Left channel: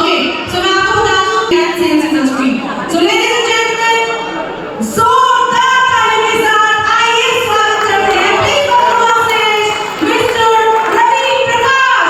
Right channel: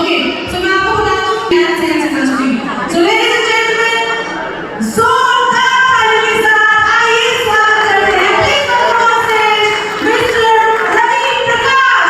Okay, so मैं आपको बता दूं dance hands in the screen. So ladies and gentlemen, जोरदार तालियों के साथ आइए स्वागत करते हैं please welcome on stage mister Ravi Prakash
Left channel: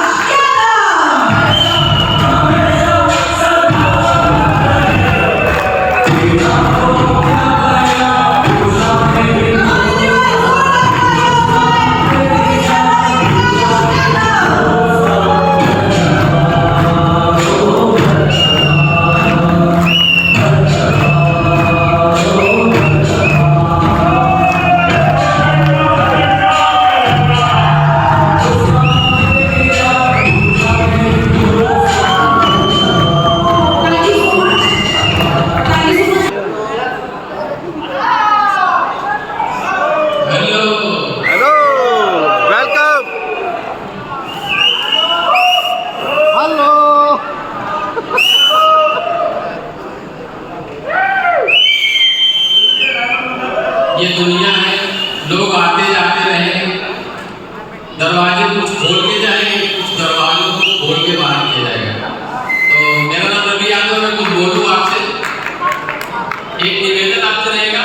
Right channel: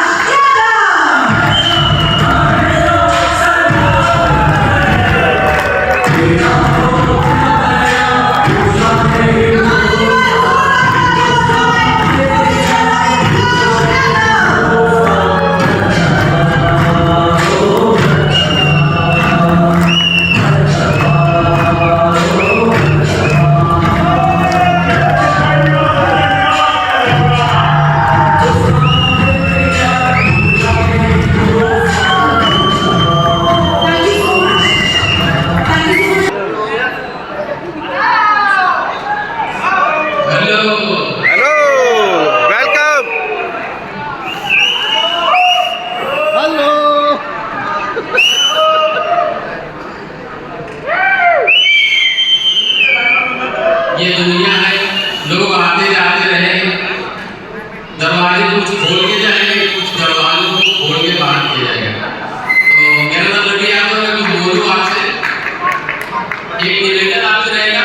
ये दुनिया है, लोग आते जाते रहेंगे, दरवाजे कुछ खोल के जाएंगे, कुछ दरवाजों को खोल के बाहर किया जाएगा। तो मेरा नाम रवि यादव है, कुछ बोलूं आपसे, एक निवेदन आपसे रहेगा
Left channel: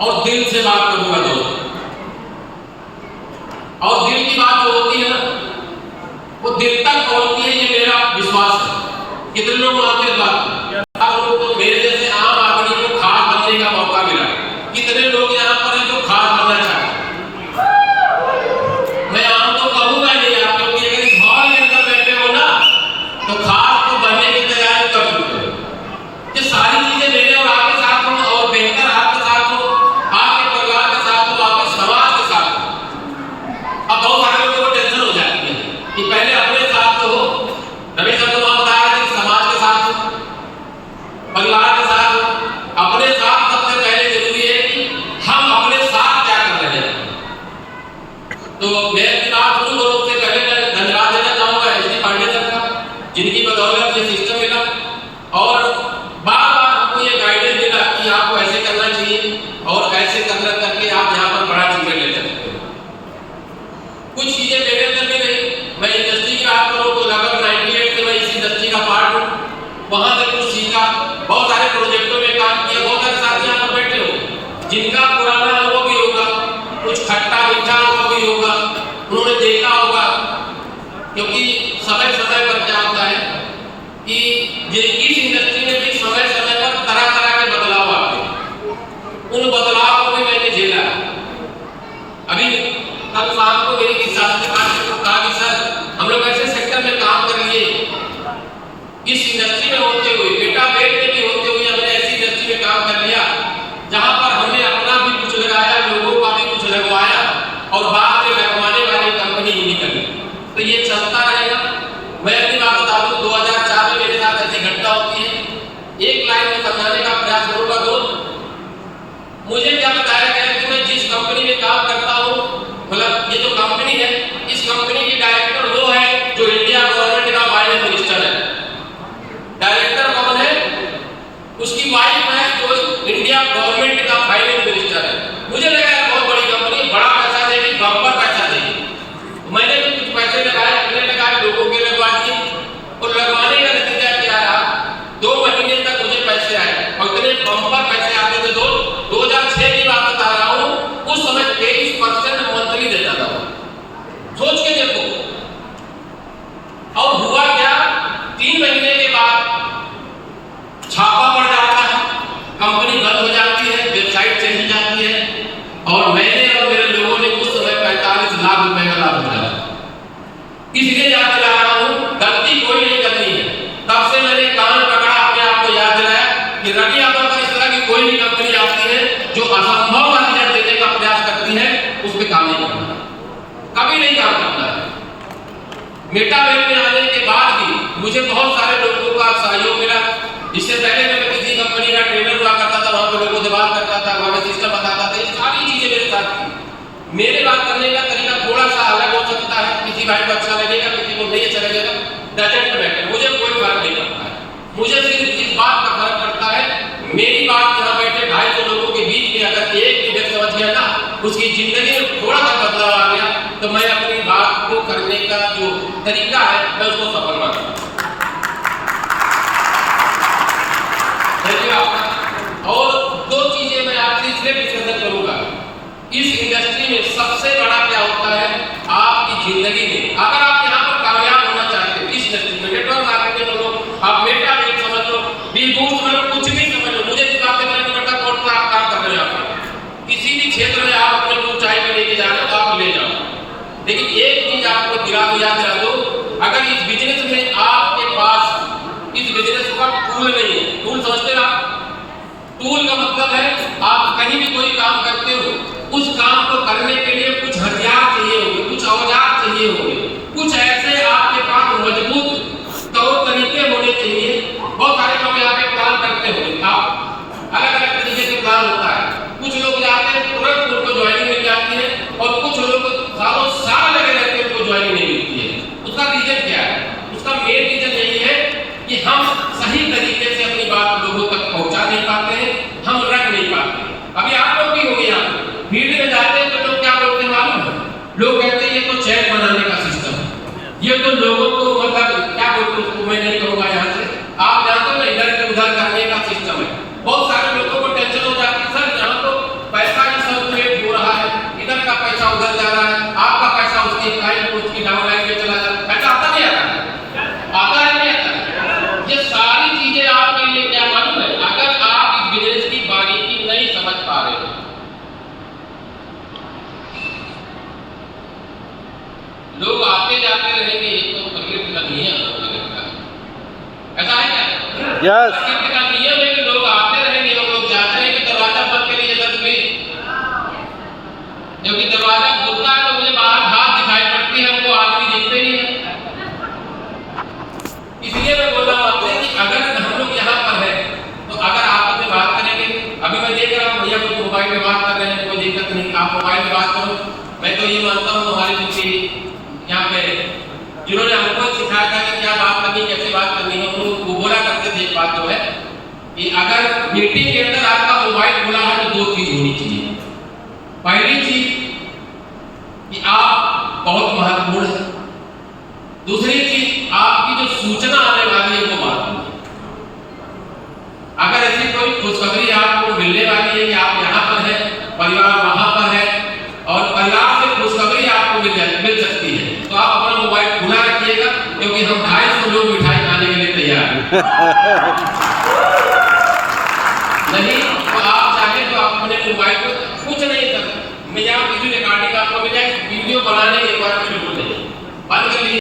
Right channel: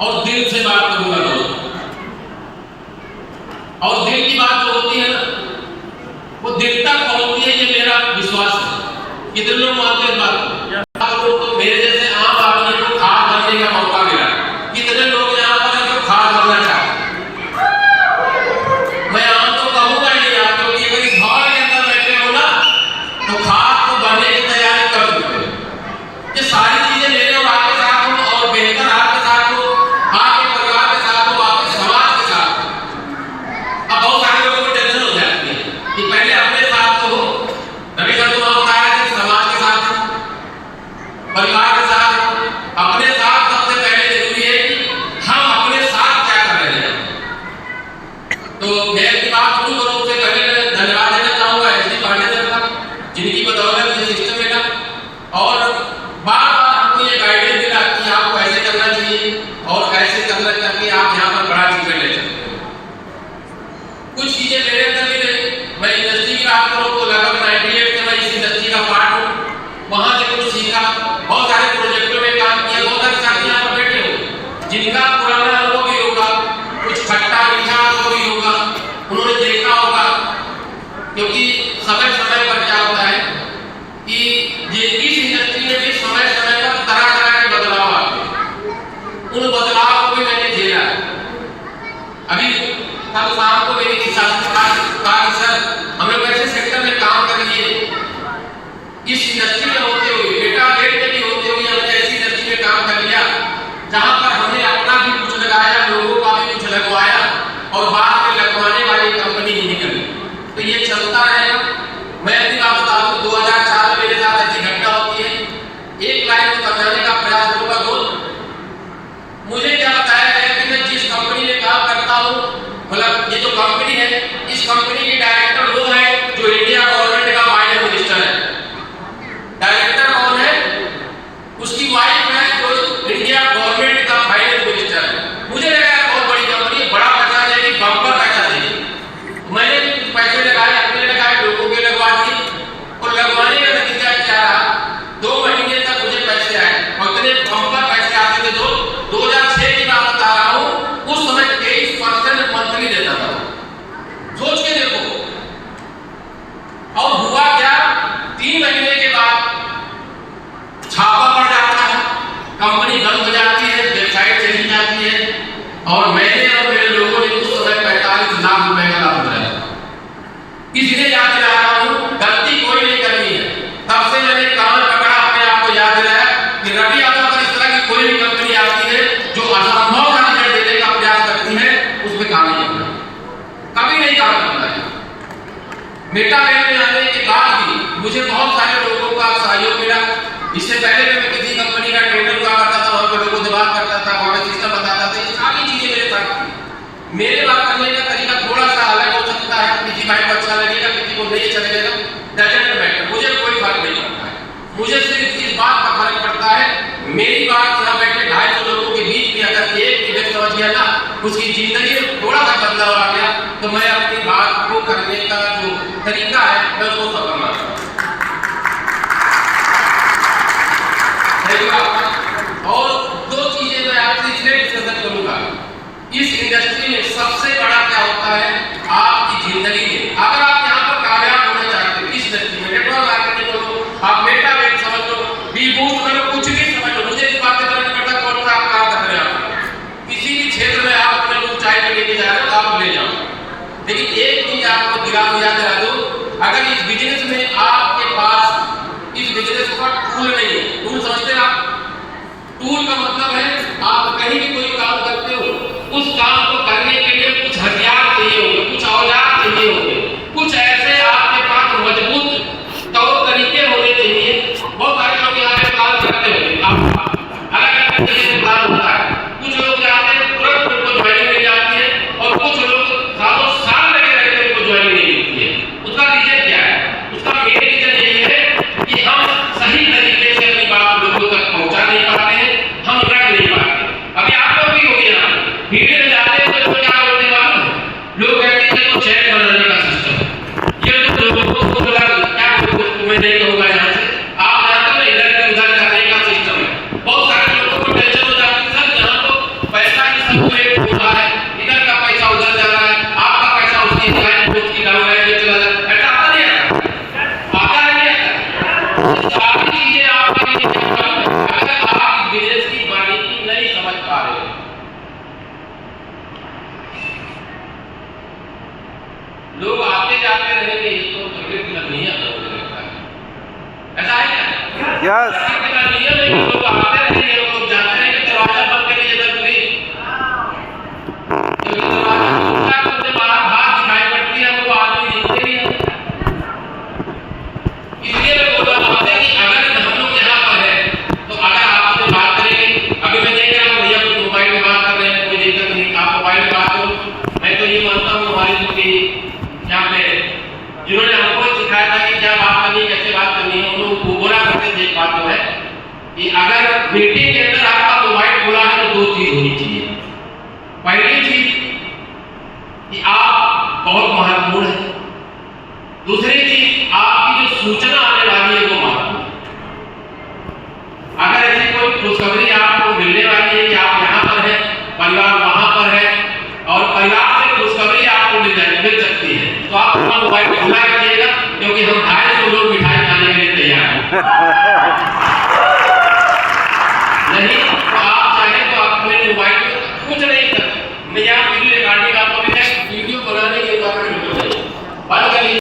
और दिल से बात करूंगा दोस्तों। और दिल की बात जो होती है ना, वो दिल तक पहुंचती है, ये मेरा विश्वास है। कितने लोग मानते हैं बात? आप लोग तो मेरे जैसे आम आदमी को खास बनने का मौका मिला। कितने लोग यहाँ पर हैं जो खास बनना चाहते हैं? मैं आम तो कहूँगा नहीं आपको कि अगर इस हॉल के अंदर बैठे हो ना, तो खास तो बनने की तैयारी कर चुके हो। ये सारी चीजें मेरे और आपके साथ हो, और बेहतर आपके साथ हो, आपके परिवार के साथ हो, आपके समाज के साथ हो। अब बहुत सारे लोगों को टेंशन हो जाती है कि पहले अपने साथ तो हो, रवि का तुम बता रहे थे समाज के साथ हो, परिवार के साथ हो, अपने साथ सबसे पहले जरूरी है कि हम अपने साथ क्या कर रहे हैं। तो मैं अपनी बात शुरू करूं उससे पहले मैं धन्यवाद देना चाहूंगा एसडी पांडे सर का, जिनकी बदौलत ये सिस्टम मिला और बार बार हमको ये गाइडेंस मिला कि आपको ऐसे करना चाहिए और ऐसे करना करके आप यहाँ पर बड़ा चीजें ले सकते हो। कुछ चीजें मेरे अंदर भी नहीं, मैं इंडस्ट्री की बात करूँ तो लगभग 98 से मैं इस इंडस्ट्री का पार्ट हूँ, वहां से कुछ सीखा, बहुत सारे प्रोजेक्टों में काम किया। बहुत सारे साथी यहाँ पर बैठे हो जिनका पुराना अनुभव भी होगा, कुछ खट्टा मीठा अनुभव भी होगा, उन्होंने देखा होगा। क्योंकि समय समय पर क्या होता है कि ये इस इंडस्ट्री में भी समय समय पर तरह तरह के बदलाव आते हैं, उन बदलाव को भी मैंने झेला। अभी कल शाम को मेरी शास्त्री कहा कि सर हम लोग ऐसे सेक्टर में काम कर लिए, इस इंडस्ट्री में होते हुए, बेटा बेट में भी होते हुए हमने ऐसी इंडस्ट्री में काम कर लिया जहां पर हमने अपना भी कुछ लगाया, लोगों का भी कुछ लगवाया और बाद में लगवाने वाली कंपनी ही निकली। तो ये चलता रहेगा। मैं अपनी बात बता दूं, 2004 में मेरे साथ ऐसी घटना होती है। एक लाइन में समझाने का प्रयास करूंगा दोस्त। मुझे क्या बताया गया कि मैं जिस कंपनी में काम करता हूँ, मतलब ये जो कंपनी है, इस कंपनी के डायरेक्टर वो है जो इंडिया गवर्नमेंट का फाइनेंस मिनिस्टर है। डायरेक्टर कौन है? उसकी वाइफ है जो इंडिया गवर्नमेंट का फाइनेंस मिनिस्टर है। मुझे लगा बहुत बड़ी कंपनी, बड़ा पैसा देगी, बम्पर पैसा देगी। मैंने भी कुछ पैसे लगाए, अपने लगाए, लोगों के लगवा दिए और लगवाने का नतीजा क्या रहा? 2 महीने तक मुझे पैसे आए और इतने बम्पर पैसे आते थे। 2006 की बात बता रहा हूँ, उस समय 23% मंथली देता था। सोच के देखो। और हुआ क्या? 3 महीने के बाद छापा पड़ जाता है, कंपनी बंद हो जाती है, वेबसाइट चली जाती है और मैंने और मेरे लोगों ने उस समय 45 लाख रुपए का लाभ उठाया। इसलिए याद दिला रहा हूँ, गलती कोई नहीं करनी है। तब से मैंने कान पकड़ा, अपने आप को याद दिलाया कि रवि यादव पर इस तरह की कोई भी कंपनी आती है जो असंभव का रिजल्ट देने का प्रयास करती है, उसमें काम नहीं करना, कभी नहीं काम करना है। मेटावेब में आने के बाद भी मुझे बहुत सारे लोगों का सहयोग मिला। इससे पहले मैं किसी कंपनी का ट्रेनर हुआ करता था, वहां पे लोगों से बात करता था, वहां पे सिस्टम बताता था, ये सारी चीजें मेरे साथ थी। मेरे बात करने का तरीका थोड़ा सा अलग हो सकता है, किसी भाई को अच्छा लगेगा, किसी को नहीं अच्छा लगेगा, डजंट मैटर, मुझे कोई फर्क नहीं पड़ता है। मुझे सिर्फ इस बात का फर्क पड़ता है, मेरी बात यहाँ बैठे 250 लोगों के बीच में अगर एक भी व्यक्ति समझ गया ना, उसकी जिंदगी में थोड़ा सा बदलाव आ गया, तो मैं अपनी बात को करने का जो तरीका है मैं उसको सफल मानता हूँ। आपको याद दिला दूं, अगर इस बिजनेस में आपके पास इस बिजनेस का टूल नहीं है, टूल समझते हैं आप? टूल का मतलब है आप कहीं भी कोई काम करते हो, उस काम को करने के लिए कुछ हथियार चाहिए होंगे, कुछ औजार चाहिए होंगे, कुछ ऐसे आपके पास मजबूत तौर तरीके होने चाहिए। बहुत सारे लोग यहाँ पे प्लान करते होंगे, अलग अलग तरीके से प्लान होता है। कुछ लोग जाते हैं तुरंत उनको ज्वाइनिंग मिल जाती है, और कुछ लोग सालों साल लगे रहते हैं उनको ज्वाइनिंग नहीं मिलती है। उसका रीजन क्या है? उसका मेन रीजन यही है कि हम सही तरीके से अपनी बात लोगों तक पहुंचा नहीं पाते हैं, हम रख नहीं पाते। अभी आप लोग भी हो गए, यहाँ भीड़ में जाते हैं तो लोग क्या बोलते हैं मालूम है? लोग कहते हैं ये तो चेक बनाने का सिस्टम है, ये तो लोगों को क्या बोलते, तुम्हें नहीं कहूँगा यहाँ से, आप जानते हो ना, इधर से उधर करने का सिस्टम है। बहुत सारे लोगों को टेंशन हो जाती है, सर यहाँ तो पैसा ही सब रेट हो रहा है, इधर का पैसा उधर जा रहा है, आपका पैसा उसकी लाइन उसकी डाउन लाइन में चला जाता है। ऐसा आता नहीं आता है नहीं आता? ये सारी चीजें आपके लिए क्या मालूम है? अगर आप इस बिजनेस की बारीकी नहीं समझ पा रहे हो, लोग आते जाते रहेंगे, ये तो प्रकृति का नियम है, मुझे लगता है। ऐसा है क्या? यस। प्रकृति का नियम है कि लोग आते रहेंगे और लोग जाते रहेंगे। दरवाजा बंद करिए जब भी, क्योंकि दरवाजा खुलता है तो मुझे बाहर घास दिखाई पड़ती है, वो आदमी दिखते नहीं है। इसलिए मैं बोल रहा हूँ कि अगर हम लोग यहाँ पर है तो अगर आप अपने बात करेंगे, अभी मैं देख रहा हूँ भैया कुछ मोबाइल में बात कर रहे हैं, कोई दिक्कत नहीं, आप मोबाइल में बात करो। मैं तो ये मानता हूँ हमारे कुछ यहाँ पे जिन्होंने हमको सिखाया था कि क्या बात करनी, कैसे बात करनी है, उनको वो बोला करते थे एक बात जो है कि अगर मीटिंग के अंदर आपका मोबाइल खुला है तो दो चीज होनी चाहिए। पहली चीज कि आप बहुत महत्वपूर्ण है, दूसरी चीज आपकी जो सूचना आने वाली है वो महत्वपूर्ण है। अगर ऐसी कोई खुशखबरी आपको मिलने वाली है कि आप यहाँ पर हैं, परिवार वहां पर है, और परिवार से खुशखबरी आपको मिल सकती है, तो आप अपना मोबाइल खुला रखिएगा, क्योंकि हम 250 लोग मिठाई खाने के लिए तैयार हैं।